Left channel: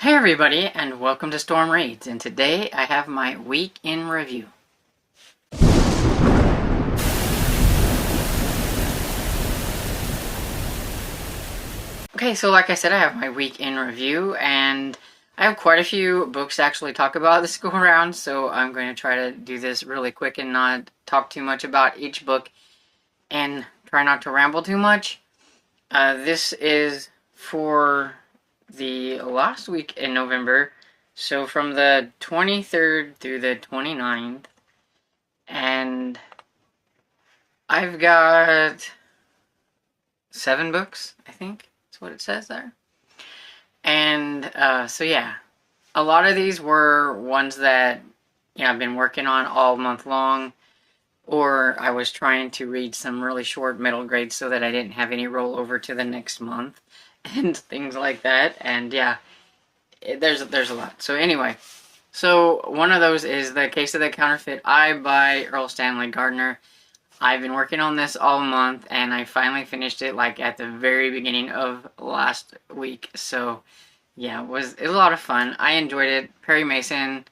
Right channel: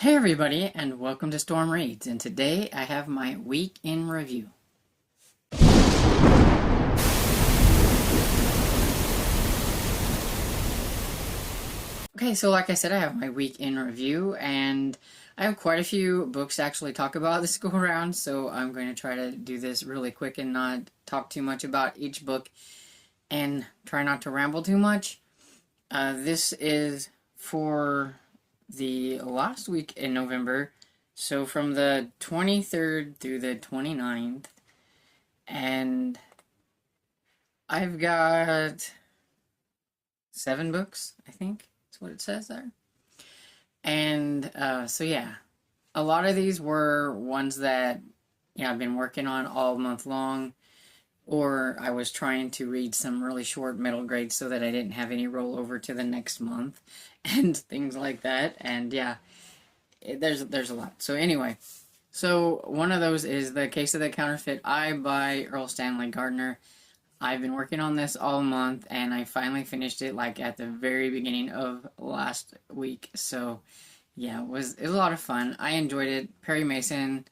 Hey everybody, and welcome to Storm Raids, and today I have my week in review. Okay, so like I said, I have my week in review, and I have quite a few books to actually talk about this go around, so I'm going to try to do this really quick and not talk too much about each book, and try not to ramble too much. This is for the last week in November, so from the 23rd through the 29th, and I've got 7 books, I think that's what it says there. And so yeah, a lot of these were ones that I've been working on all month long, or I was trying to read some really short middle grades so that I didn't have any rollover to the next month and things like that. And yeah, there's a lot. So anyway, so one of those is The Case of the Counterfeit Eye by Earl Stanley Gardner. I've been working on this all month, and I finally finished it like at the very beginning of last week. So yeah, it was a lot of fun. I enjoyed it. Perry Mason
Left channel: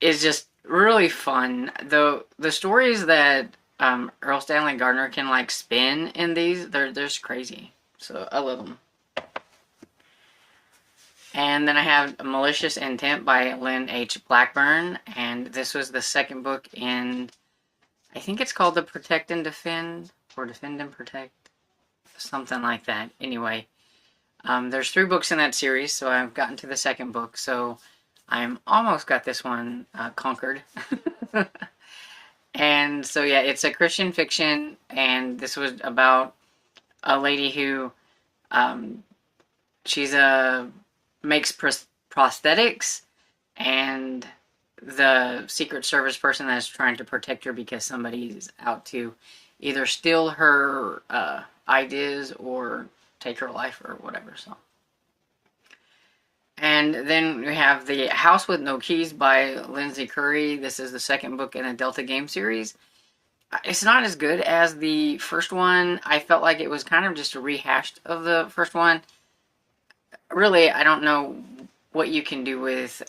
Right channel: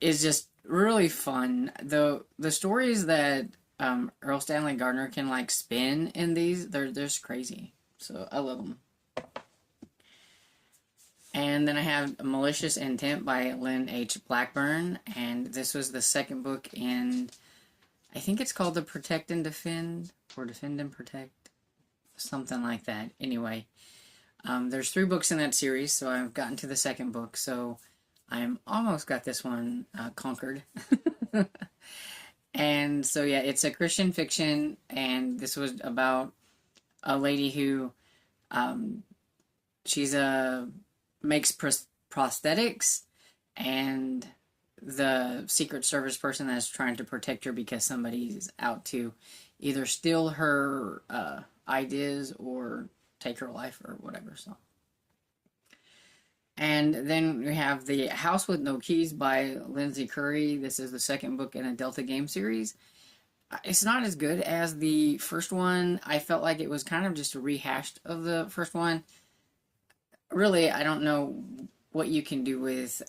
is just really fun. The stories that Earl Stanley Gardner can like spin in these, they're just crazy. So I love them. And then I have Malicious Intent by Lynn H. Blackburn, and this was the second book in, I think it's called the Protect and Defend, or Defend and Protect, something like that. Anyway, there's 3 books in that series, so I've gotten to the second book, so I'm almost got this one conquered. And so yeah, it's a Christian fiction, and this was about a lady who, she's makes prosthetics, and the Secret Service person that is trying to protect her because somebody's out to either steal her ideas or take her life or whatever. So, and then we have The House with No Keys by Lindsay Curry. This is the second book in the Delta Game series. It's not as good as the first one. I felt like it was kind of just a rehash of the first one. Really, I don't know what you can do with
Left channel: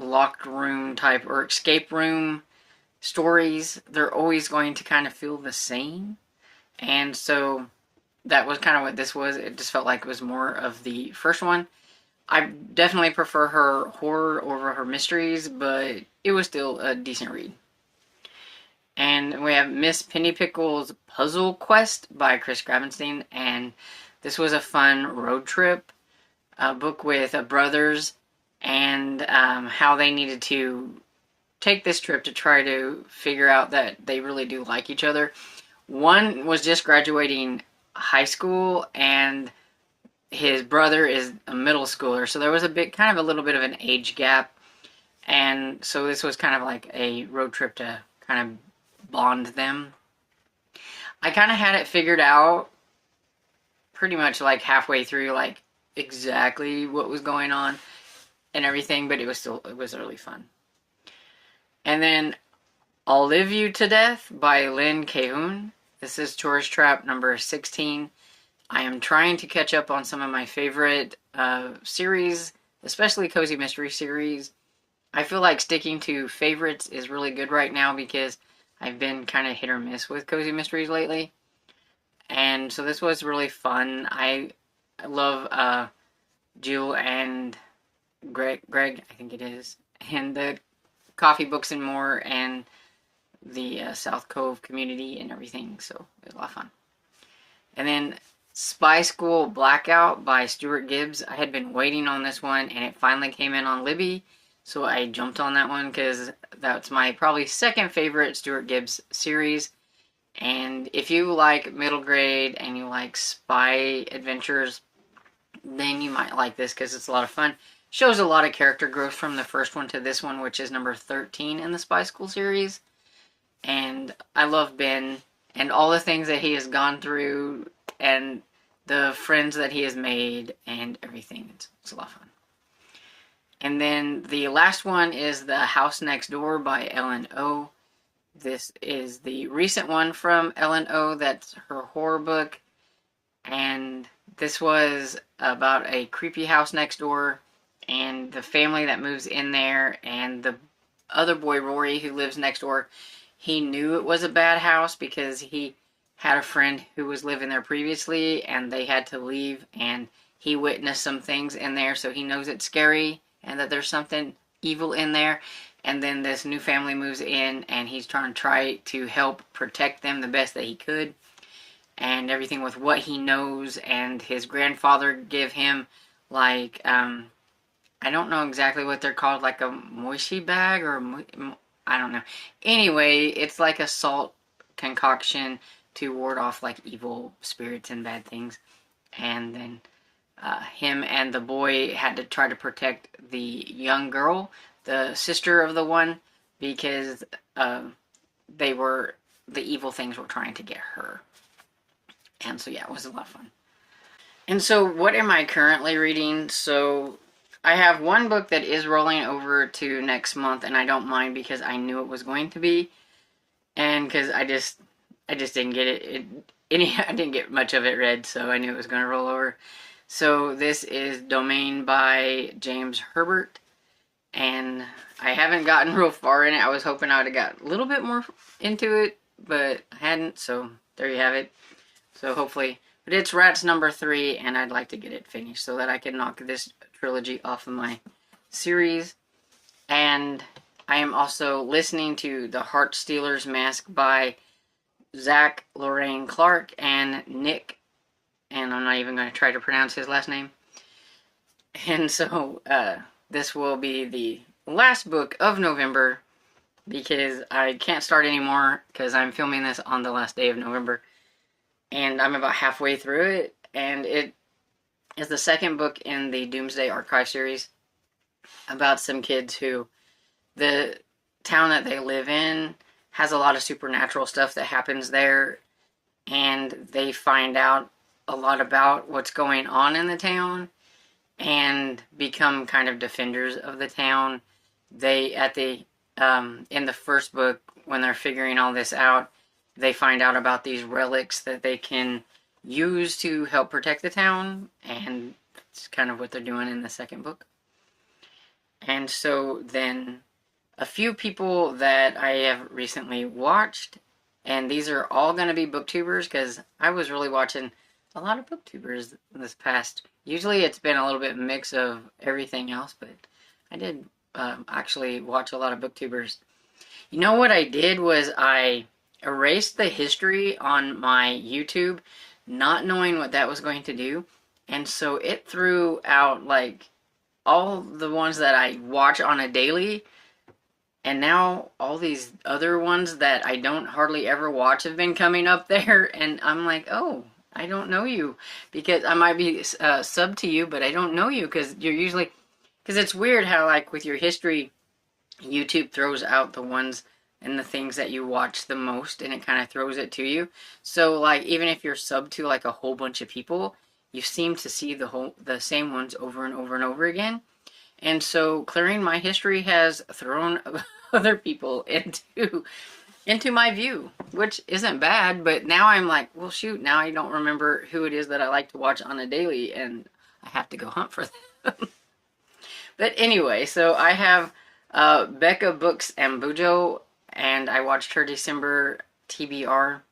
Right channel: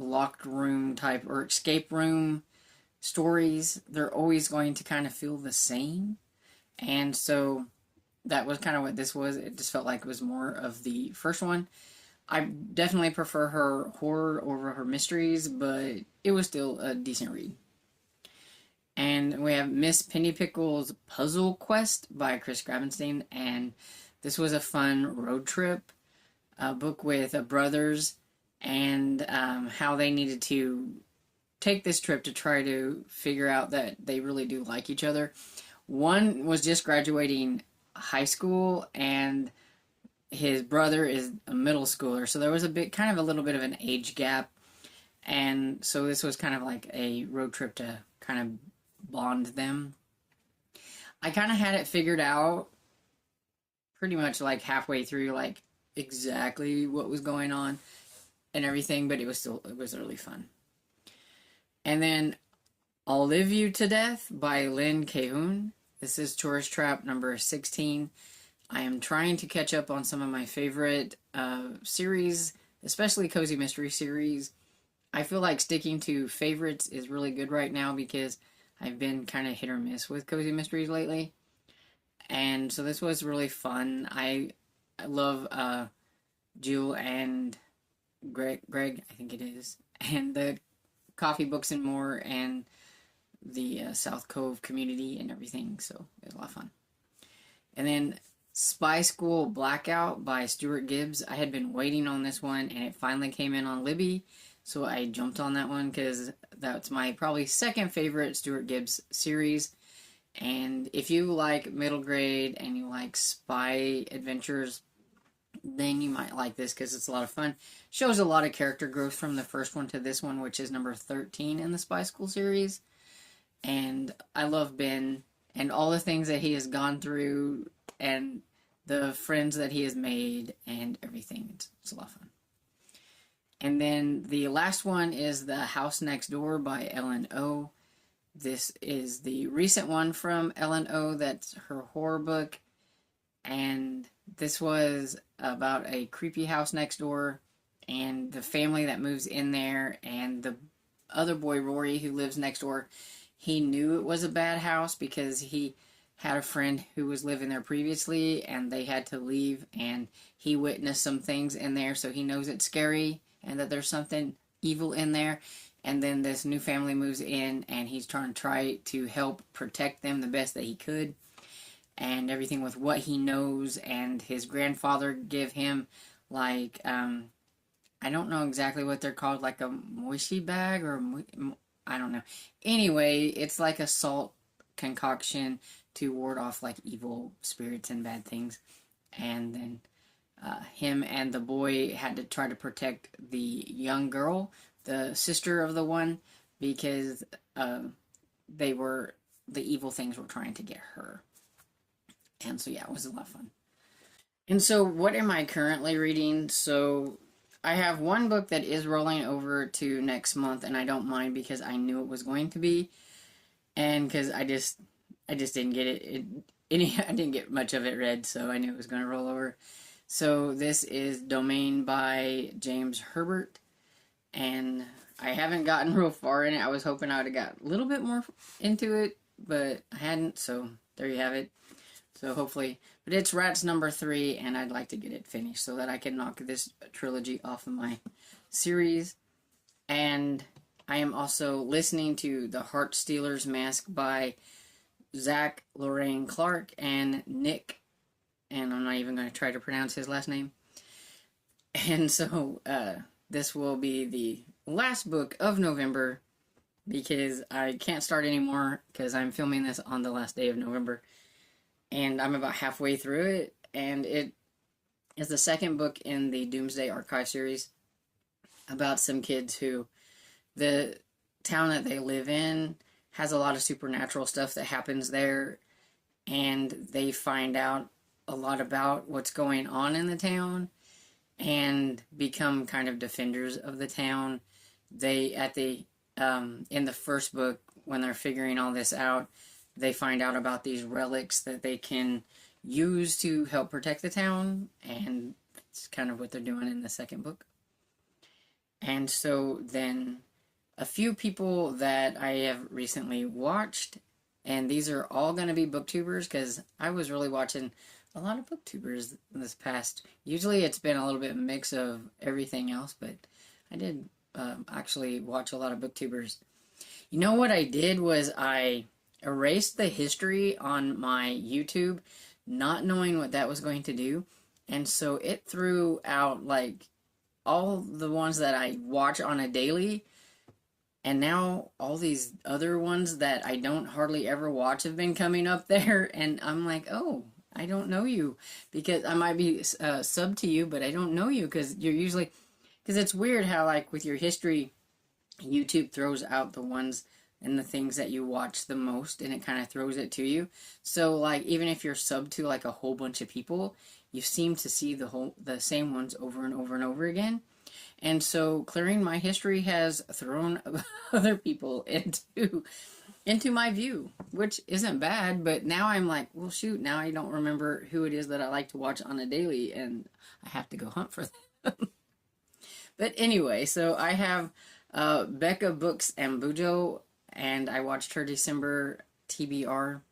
locked room type or escape room stories. They're always going to kind of feel the same. And so that was kind of what this was. It just felt like it was more of the first one. I definitely prefer her horror over her mysteries, but it was still a decent read. And we have Miss Pennypickle's Puzzle Quest by Chris Gravenstein, and this was a fun road trip book with brothers, and how they needed to take this trip to try to figure out that they really do like each other. One was just graduating high school, and his brother is a middle schooler, so there was kind of a little bit of an age gap, and so this was kind of like a road trip to kind of bond them. I kind of had it figured out pretty much like halfway through, like exactly what was going on and everything, but it was really fun. And then I'll Live You to Death by Lynn Cahoon. This is Tourist Trap number 16. I am trying to catch up on some of my favorite series, especially Cozy Mystery series. I feel like sticking to favorites is really good right now because I've been kind of hit or miss with Cozy Mysteries lately. And so this was really fun. I love Jill and Greg, I think it is, and the Coffee Books and More, and the South Cove community and everything, so it was a lot of fun. And then Spy School Blackout by Stuart Gibbs. I had been waiting on this one, and it finally came in on Libby, so I jumped on that one because that's my probably second favorite Stuart Gibbs series. And if you like middle grade and you like spy adventures, then you might like this because it's a lot of fun. Shows a lot of character growth from the first one to this one, which is number 13 in the Spy School series. And I love Ben and all the things that he has gone through and the friends that he has made and everything. It's a lot of fun. And then the last one is The House Next Door by Ellen O. This is the recent one from Ellen O. That's her horror book. And this was about a creepy house next door and the family that moves in there, and the other boy, Rory, who lives next door, he knew it was a bad house because he had a friend who was living there previously and they had to leave, and he witnessed some things in there, so he knows it's scary and that there's something evil in there. And then this new family moves in and he's try to help protect them the best that he could, and everything with what he knows. And his grandfather give him like I don't know exactly what they're called, like a moishi bag or I don't know. Anyway, it's like a salt concoction to ward off like evil spirits and bad things. And then him and the boy had to try to protect the young girl, the sister of the one, because they were the evil things were trying to get her. And so yeah, it was a lot of fun. And so what am I currently reading? So I have one book that is rolling over to next month, and I don't mind because I knew it was going to be, and because I just didn't get it. I didn't get much of it read, so I knew it was going to roll over. So this is Domain by James Herbert, and I haven't gotten real far in it. I was hoping I would have got a little bit more into it, but I hadn't, so there you have it. So hopefully, but it's Rats number 3, and I'd like to get it finished so that I can knock this trilogy off of my series. And I am also listening to The Heart Stealer's Mask by Zach Lorraine Clark and Nick, and I'm not even going to try to pronounce his last name. And so this will be the last book of November because I can't start anymore because I'm filming this on the last day of November. And I'm about halfway through it, and it is the second book in the Doomsday Archive series about some kids who, the town that they live in has a lot of supernatural stuff that happens there, and they find out a lot about what's going on in the town and become kind of defenders of the town. They, in the first book, when they're figuring all this out, they find out about these relics that they can use to help protect the town, and it's kind of what they're doing in the second book. And so then a few people that I have recently watched, and these are all going to be booktubers because I was really watching a lot of booktubers this past. Usually it's been a little bit mix of everything else, but I did actually watch a lot of booktubers. You know what I did was I erased the history on my YouTube, not knowing what that was going to do, and so it threw out like all the ones that I watch on a daily, and now all these other ones that I don't hardly ever watch have been coming up there, and I'm like, oh, I don't know you, because I might be sub to you, but I don't know you because you're usually, because it's weird how like with your history, YouTube throws out the ones and the things that you watch the most, and it kind of throws it to you. So like even if you're sub to like a whole bunch of people, you seem to see the same ones over and over and over again. And so clearing my history has thrown other people into my view, which isn't bad, but now I'm like, well shoot, now I don't remember who it is that I like to watch on a daily, and I have to go hunt for them. But anyway, so I have Pangobooks Ambassador, and I watched her December TBR.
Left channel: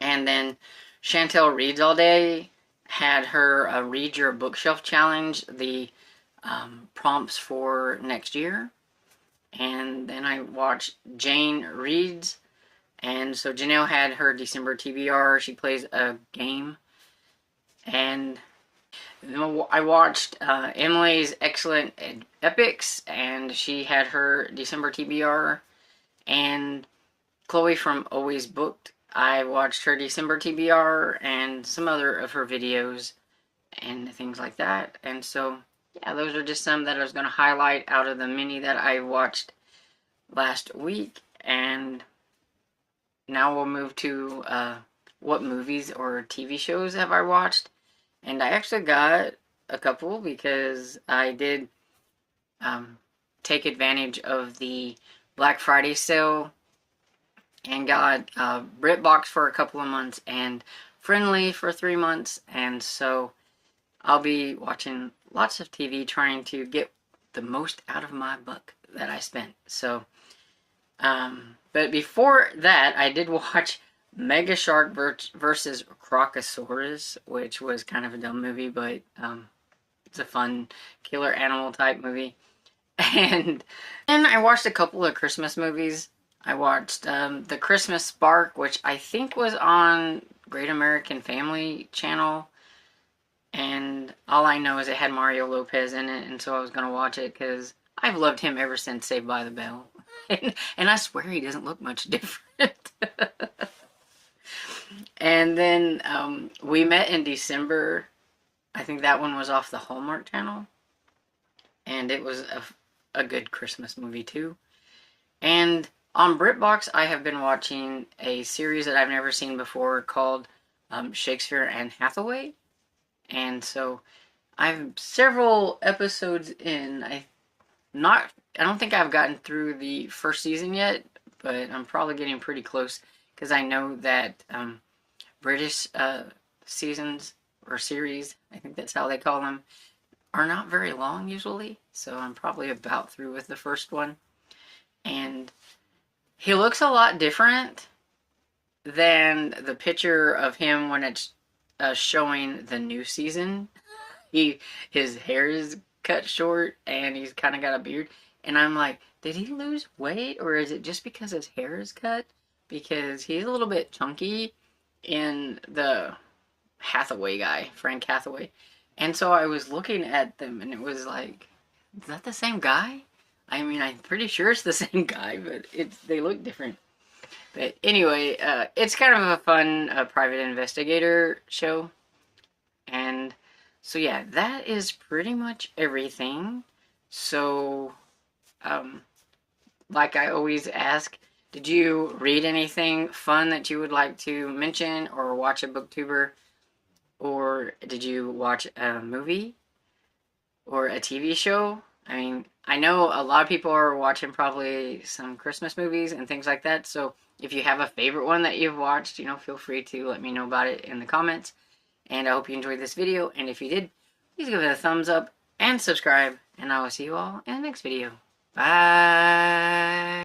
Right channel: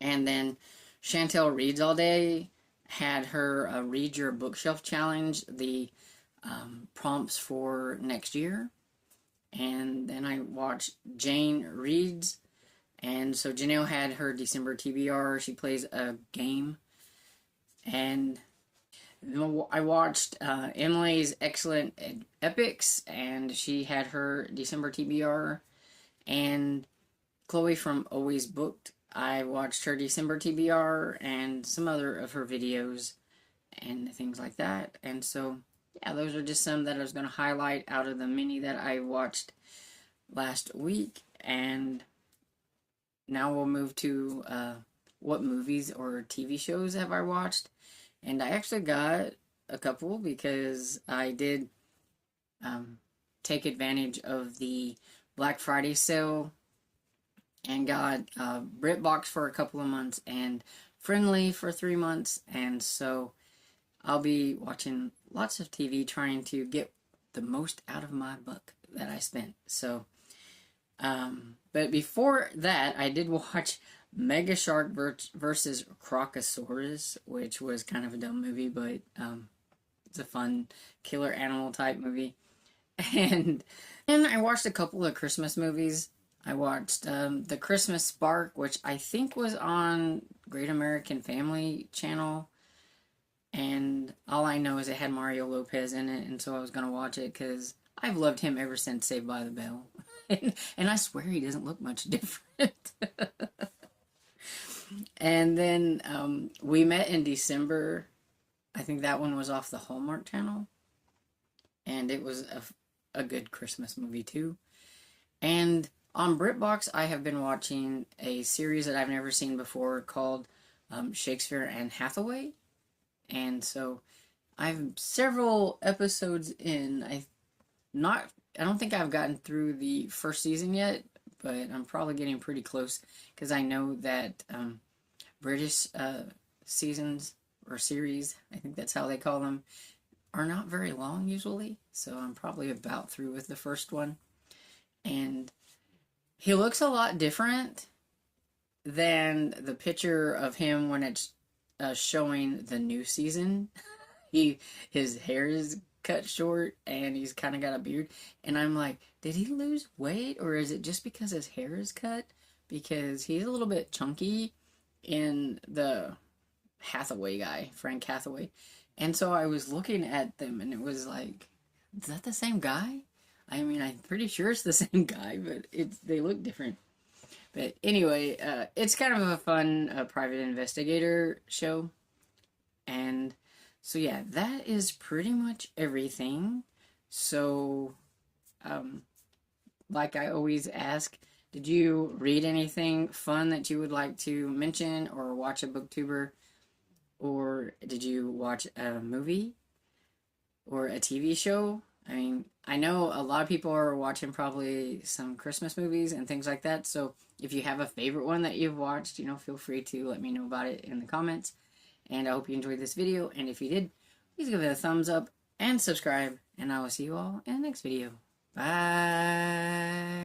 And then Chantel Reads All Day had her Read Your Bookshelf Challenge, the prompts for next year. And then I watched Jane Reads, and so Janelle had her December TBR. She plays a game. And I watched Emily's Excellent Epics, and she had her December TBR. And Chloe from Always Booked, I watched her December TBR and some other of her videos and things like that. And so, yeah, those are just some that I was going to highlight out of the many that I watched last week. And now we'll move to what movies or TV shows have I watched. And I actually got a couple because I did take advantage of the Black Friday sale and got BritBox for a couple of months and Friendly for 3 months, and so I'll be watching lots of TV trying to get the most out of my buck that I spent. So, but before that, I did watch Mega Shark versus Crocosaurus, which was kind of a dumb movie, but it's a fun killer animal type movie. And then I watched a couple of Christmas movies. I watched The Christmas Spark, which I think was on Great American Family channel. And all I know is it had Mario Lopez in it, and so I was going to watch it because I've loved him ever since Saved by the Bell. And I swear he doesn't look much different. And then We Met in December. I think that one was off the Hallmark Channel. And it was a good Christmas movie too. And on BritBox, I have been watching a series that I've never seen before called Shakespeare and Hathaway. And so I'm several episodes in. I don't think I've gotten through the first season yet, but I'm probably getting pretty close because I know that British seasons or series, I think that's how they call them, are not very long usually. So I'm probably about through with the first one. And he looks a lot different than the picture of him when it's showing the new season. His hair is cut short and he's kind of got a beard. And I'm like, did he lose weight or is it just because his hair is cut? Because he's a little bit chunky in the Hathaway guy, Frank Hathaway. And so I was looking at them and it was like, is that the same guy? I mean, I'm pretty sure it's the same guy, but they look different. But anyway, it's kind of a fun private investigator show. And so yeah, that is pretty much everything. So, like I always ask, did you read anything fun that you would like to mention or watch a booktuber? Or did you watch a movie or a TV show? I mean, I know a lot of people are watching probably some Christmas movies and things like that. So if you have a favorite one that you've watched, feel free to let me know about it in the comments. And I hope you enjoyed this video. And if you did, please give it a thumbs up and subscribe. And I will see you all in the next video. Bye.